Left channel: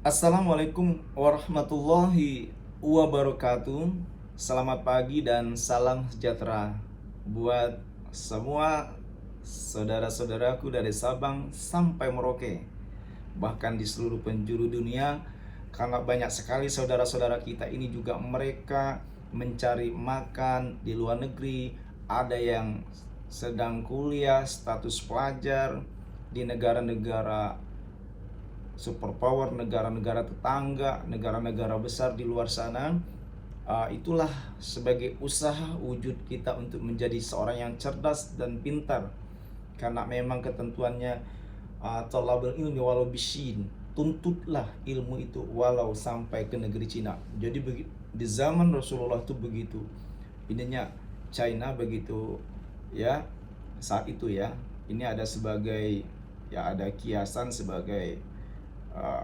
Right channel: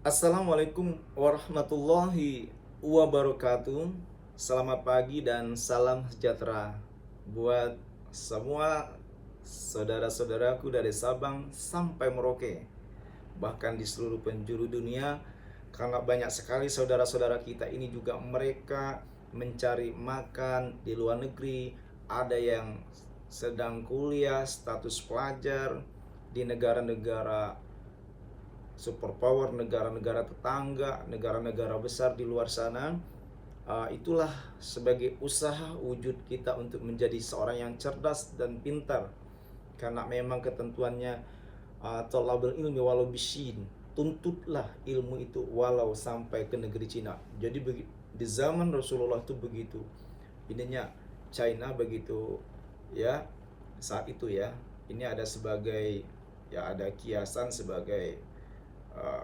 Assalamualaikum warahmatullahi wabarakatuh. Selamat pagi dan salam sejahtera buat semua saudara-saudaraku dari Sabang sampai Merauke, bahkan di seluruh penjuru dunia. Karena banyak sekali saudara-saudara kita ini juga mereka mencari makan di luar negeri. Ada yang sedang kuliah status pelajar di negara-negara superpower, negara-negara tetangga, negara-negara besar di luar sana. Itulah sebagai usaha wujud kita untuk menjadi seorang yang cerdas dan pintar, karena memang ketentuannya thalabul ilmi walau bisin, tuntutlah ilmu itu walau sampai ke negeri Cina. Jadi di zaman Rasulullah itu begitu ininya, China begitu ya saat itu ya. Ini ada sebagai ya, ada kiasan sebagai uh,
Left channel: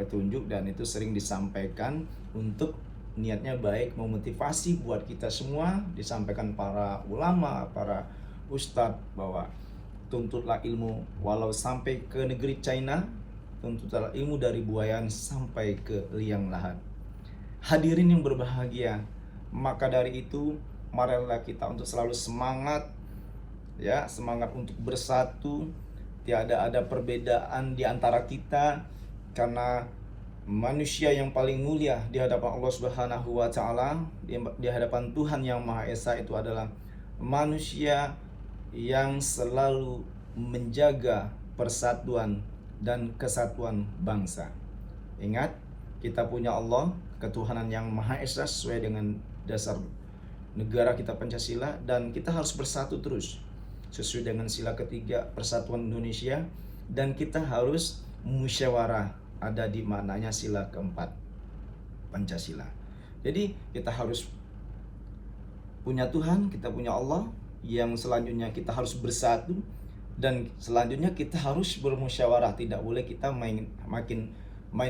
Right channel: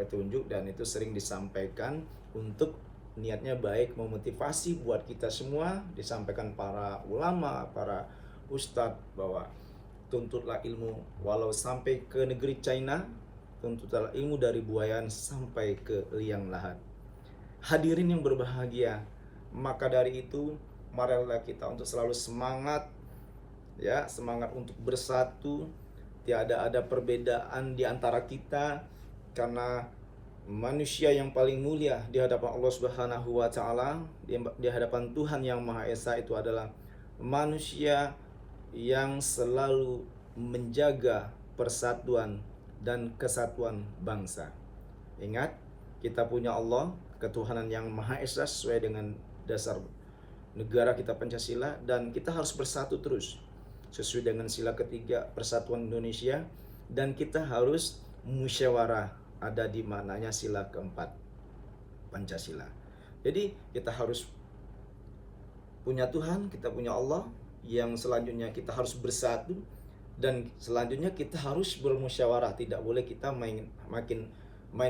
petunjuk, dan itu sering disampaikan untuk niatnya baik, memotivasi buat kita semua. Disampaikan para ulama, para ustadz, bahwa tuntutlah ilmu walau sampai ke negeri China, tuntutlah ilmu dari buayan sampai ke liang lahat. Hadirin yang berbahagia, maka dari itu marilah kita untuk selalu semangat ya, semangat untuk bersatu. Tiada ada perbedaan di antara kita, karena manusia yang paling mulia di hadapan Allah Subhanahu wa taala, di hadapan Tuhan yang Maha Esa, itu adalah manusia yang selalu menjaga persatuan dan kesatuan bangsa. Ingat, kita punya Allah, ketuhanan yang Maha Esa sesuai dengan dasar negara kita Pancasila, dan kita harus bersatu terus sesuai dengan sila ketiga Persatuan Indonesia, dan kita harus musyawarah, ada di mananya sila keempat Pancasila. Jadi kita harus punya Tuhan, kita punya Allah, yang selanjutnya kita harus bersatu, dan selanjutnya kita harus bermusyawarah. Tidak boleh kita main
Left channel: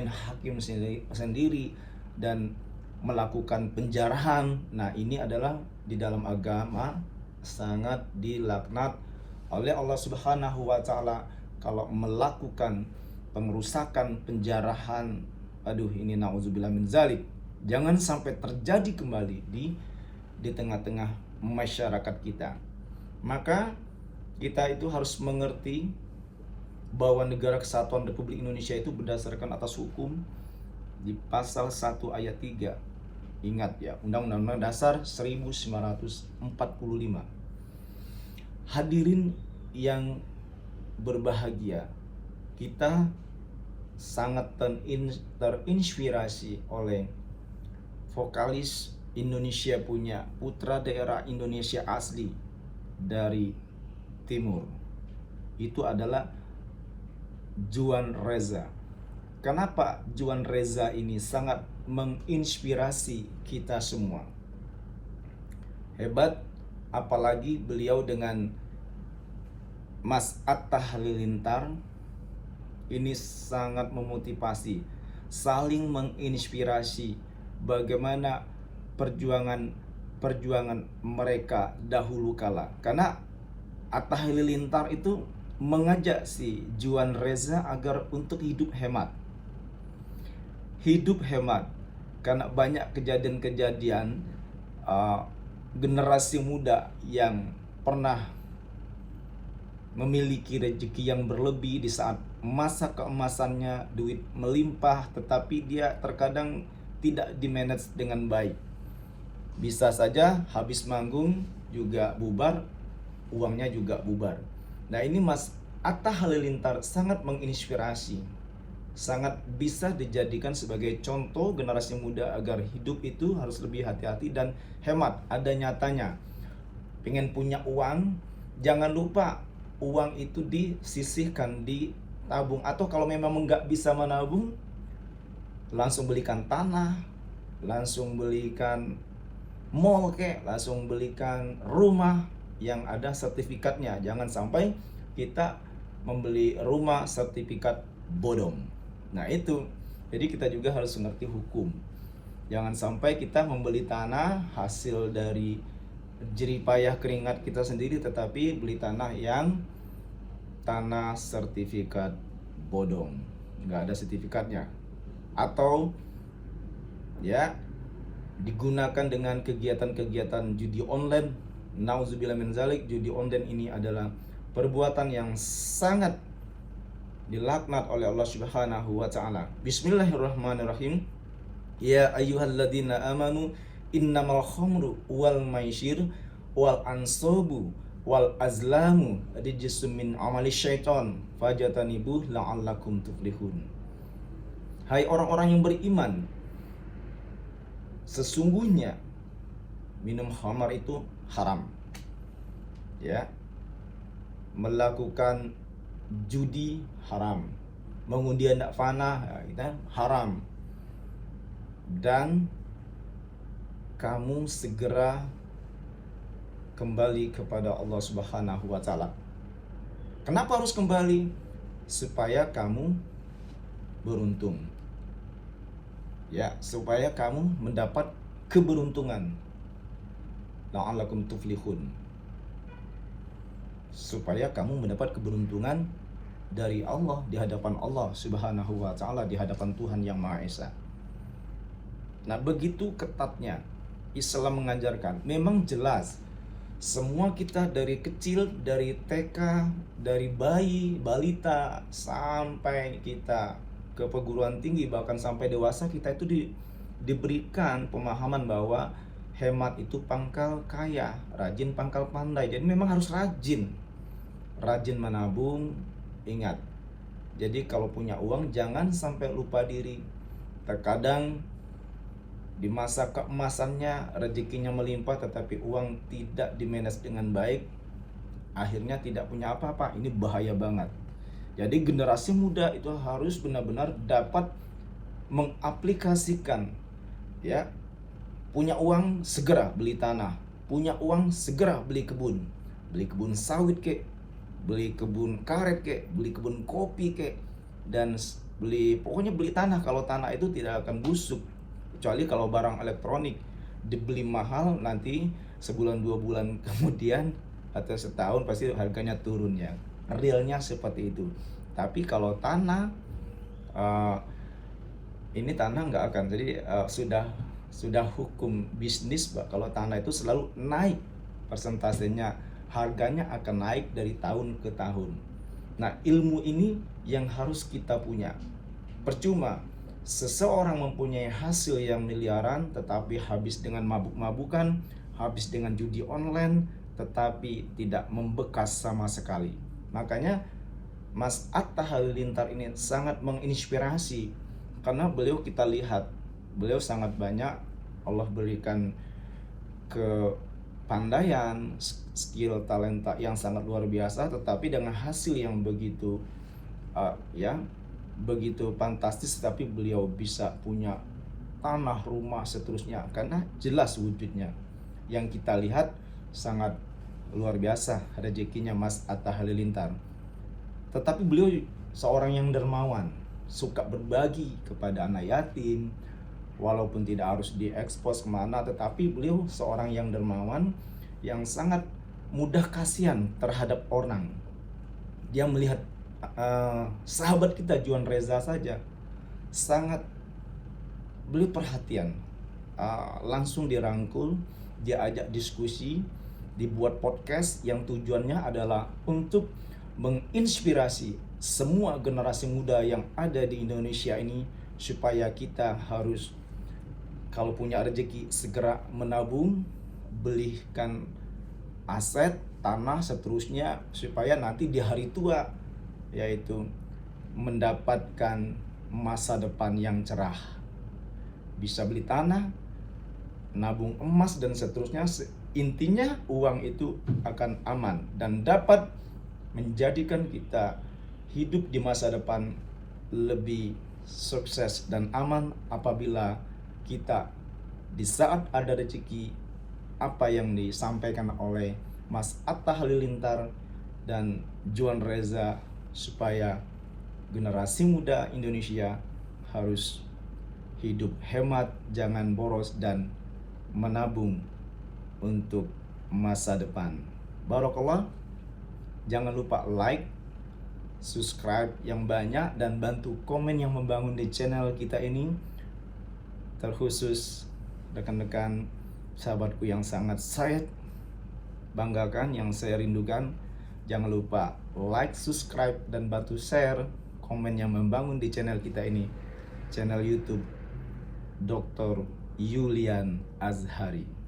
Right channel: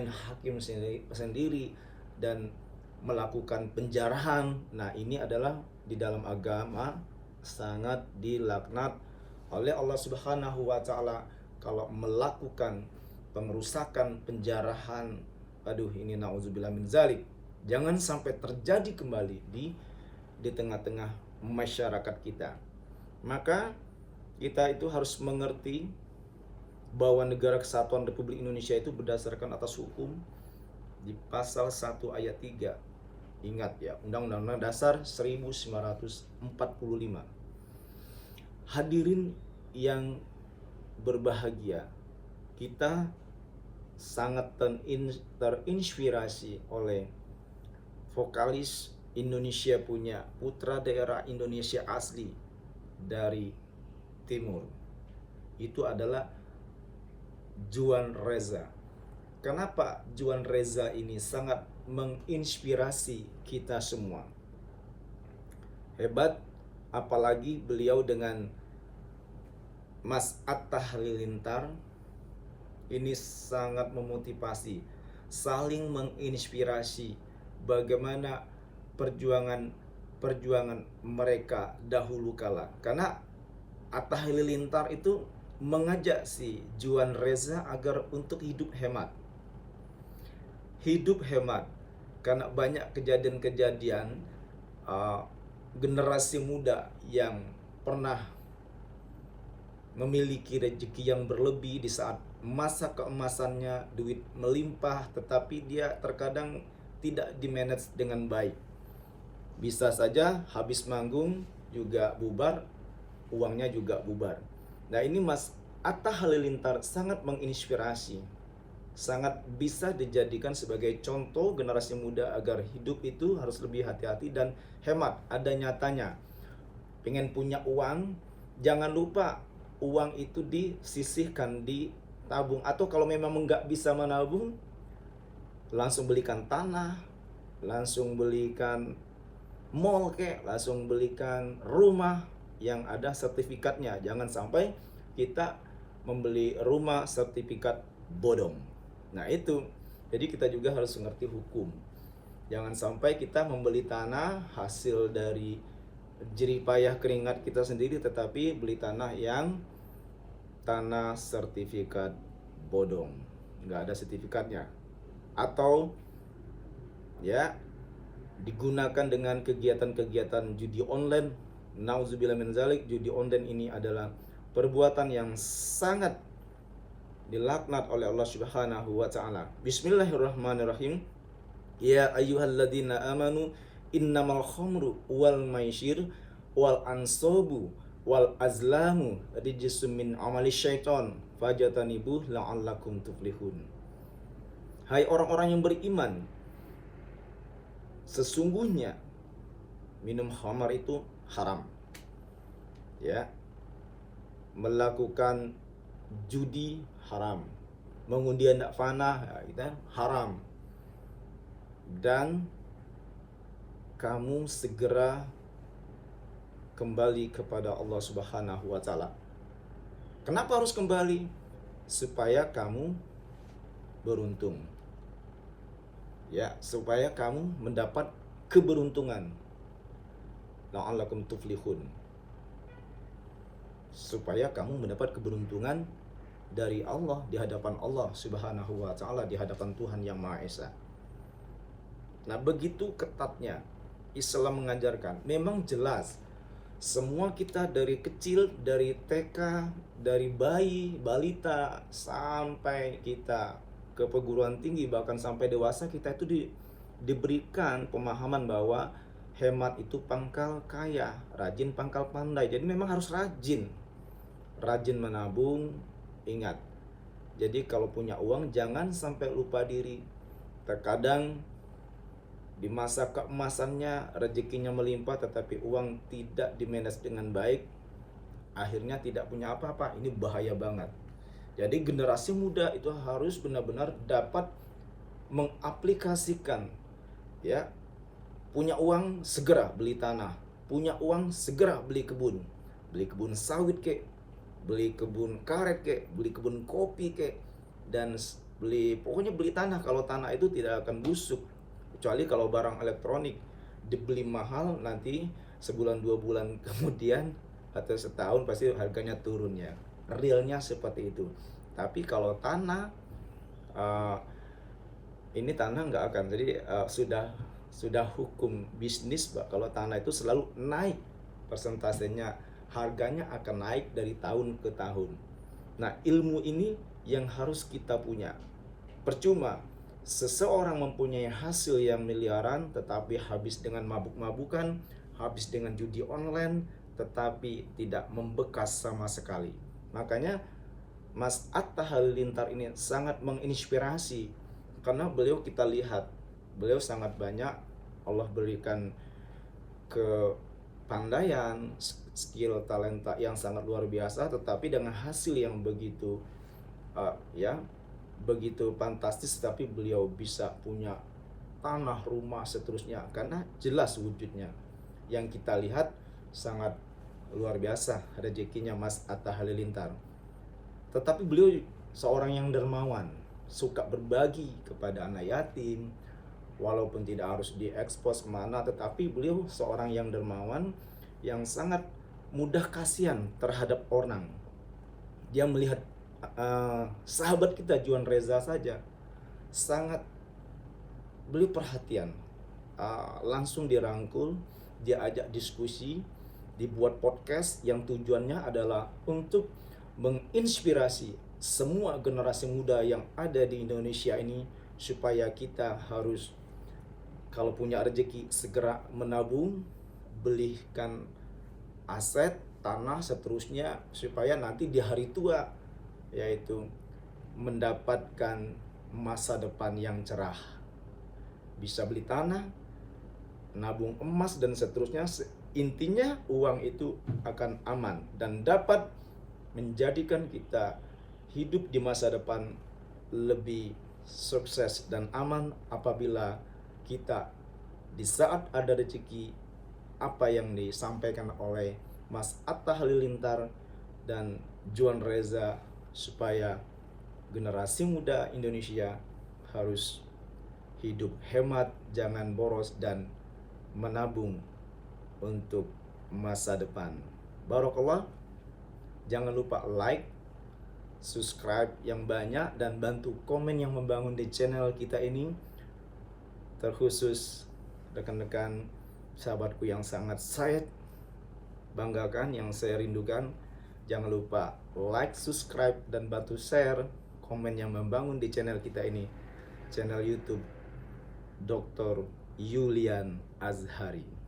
hakim sendiri dan melakukan penjarahan. Nah, ini adalah di dalam agama sangat dilaknat oleh Allah Subhanahu wa taala. Kalau melakukan pengerusakan, penjarahan, aduh, ini nauzubillah min zalik, jangan sampai terjadi kembali di tengah-tengah masyarakat kita. Maka kita itu harus mengerti bahwa Negara Kesatuan Republik Indonesia itu berdasarkan atas hukum di pasal 1 ayat 3. Ingat ya, Undang-Undang Dasar 1945. Hadirin yang berbahagia, kita sangat terinspirasi oleh vokalis Indonesia punya, putra daerah Indonesia asli dari timur. Itu adalah Juan Reza. Kenapa Juan Reza ini sangat menginspirasi kita semua? Hebat, apalagi beliau dengan Mas Atta Halilintar ini sangat memotivasi, saling menginspirasi bagaimana perjuangan mereka dahulu kala. Karena Atta Halilintar itu mengajak si Juan Reza agar untuk hidup hemat. Hidup hemat, karena banyak kejadian-kejadian generasi muda yang pernah memiliki rezeki yang berlebih di saat masa keemasannya, duit melimpah, tetapi dia terkadang tidak dimanage dengan baik. Bisa saja habis manggung juga bubar, uangnya juga bubar. Nah, ini Mas Atta Halilintar sangat menginspirasi, sangat bisa dijadikan sebagai contoh generasi muda agar hidup itu harus lebih hati-hati dan hemat. Ada nyatanya, pengen punya uang, jangan lupa uang itu disisihkan, ditabung, atau kalau memang nggak bisa menabung, langsung belikan tanah, langsung belikan mall langsung belikan rumah yang ada sertifikatnya. Jangan sampai kita membeli rumah sertifikat bodong. Nah, itu. Jadi kita juga harus mengerti hukum. Jangan sampai kita membeli tanah hasil dari jerih payah keringat kita sendiri, tetapi beli tanah yang tanah sertifikat bodong, nggak ada sertifikatnya. atau ya digunakan dengan kegiatan-kegiatan judi online. Nauzubillah min zalik. Judi online ini adalah perbuatan yang sangat dilaknat oleh Allah Subhanahu wa taala. Bismillahirrahmanirrahim. Ya ayyuhalladzina amanu innamal khamru wal maisir wal ansabu wal azlamu rijsum min amali syaiton fajatanibuh la'allakum tuflihun. Hai orang-orang yang beriman, sesungguhnya minum khamar itu haram. Ya. Melakukan judi haram. Mengundi anak panah ya, haram. Dan kamu segera kembali kepada Allah Subhanahu wa taala. Kenapa harus kembali? Supaya kamu beruntung. Ya, supaya kamu mendapat keberuntungan. La'allakum tuflihun. Supaya kamu mendapat keberuntungan dari Allah, di hadapan Allah Subhanahu wa taala, di hadapan Tuhan yang Maha Esa. Nah, begitu ketatnya Islam mengajarkan. Memang jelas semua kita dari kecil, dari TK, dari bayi, balita sampai kita ke perguruan tinggi, bahkan sampai dewasa, kita itu diberikan pemahaman bahwa hemat itu pangkal kaya, rajin pangkal pandai. Jadi memang harus rajin menabung. Ingat, jadi kalau punya uang jangan sampai lupa diri. Terkadang di masa keemasannya rezekinya melimpah, tetapi uang tidak dimanage dengan baik, akhirnya tidak punya apa-apa. Ini bahaya banget. Jadi generasi muda itu harus benar-benar dapat mengaplikasikan, ya, punya uang segera beli tanah, punya uang segera beli kebun sawit kek, beli kebun karet kek, beli kebun kopi kek, dan pokoknya beli tanah. Kalau tanah itu tidak akan busuk, kecuali kalau barang elektronik dibeli mahal, nanti sebulan 2 bulan kemudian atau setahun pasti harganya turun ya. Realnya seperti itu. Tapi kalau tanah, ini tanah nggak akan. Jadi sudah hukum bisnis, kalau tanah itu selalu naik persentasenya, harganya akan naik dari tahun ke tahun. Nah, ilmu ini yang harus kita punya. Percuma seseorang mempunyai hasil yang miliaran tetapi habis dengan mabuk-mabukan, habis dengan judi online, tetapi tidak membekas sama sekali. Makanya Mas Atta Halilintar ini sangat menginspirasi, karena beliau, kita lihat beliau sangat banyak Allah berikan kepandaian, skill, talenta yang sangat luar biasa, tetapi dengan hasil yang begitu begitu fantastis, tapi beliau bisa punya tanah, rumah, seterusnya, karena jelas wujudnya yang kita lihat sangat luar biasa rezekinya Mas Atta Halilintar. Tetapi beliau seorang yang dermawan, suka berbagi kepada anak yatim, walaupun tidak harus diekspos kemana, tetapi beliau seorang yang dermawan, yang sangat mudah kasihan terhadap orang. Dia melihat sahabat kita Juan Reza saja, sangat beliau perhatian, langsung dirangkul, dia ajak diskusi, dibuat podcast yang tujuannya adalah untuk menginspirasi semua generasi muda yang ada di Indonesia ini, supaya kita harus, kalau punya rezeki, segera menabung, belikan aset, tanah, seterusnya, supaya nanti di hari tua, yaitu mendapatkan masa depan yang cerah. Bisa beli tanah, nabung emas, dan seterusnya. Intinya uang itu akan aman dan dapat menjadikan kita hidup di masa depan lebih sukses dan aman, apabila kita di saat ada rezeki, apa yang disampaikan oleh Mas Atta Halilintar dan Juan Reza, supaya generasi muda Indonesia harus hidup hemat, jangan boros, dan menabung untuk masa depan. Barakallah. Jangan lupa like, subscribe yang banyak dan bantu komen yang membangun di channel kita ini. Terkhusus rekan-rekan sahabatku yang sangat saya banggakan, yang saya rindukan. Jangan lupa like, subscribe, dan bantu share komen yang membangun di channel kita ini, channel YouTube Dr. Yulian Azhari.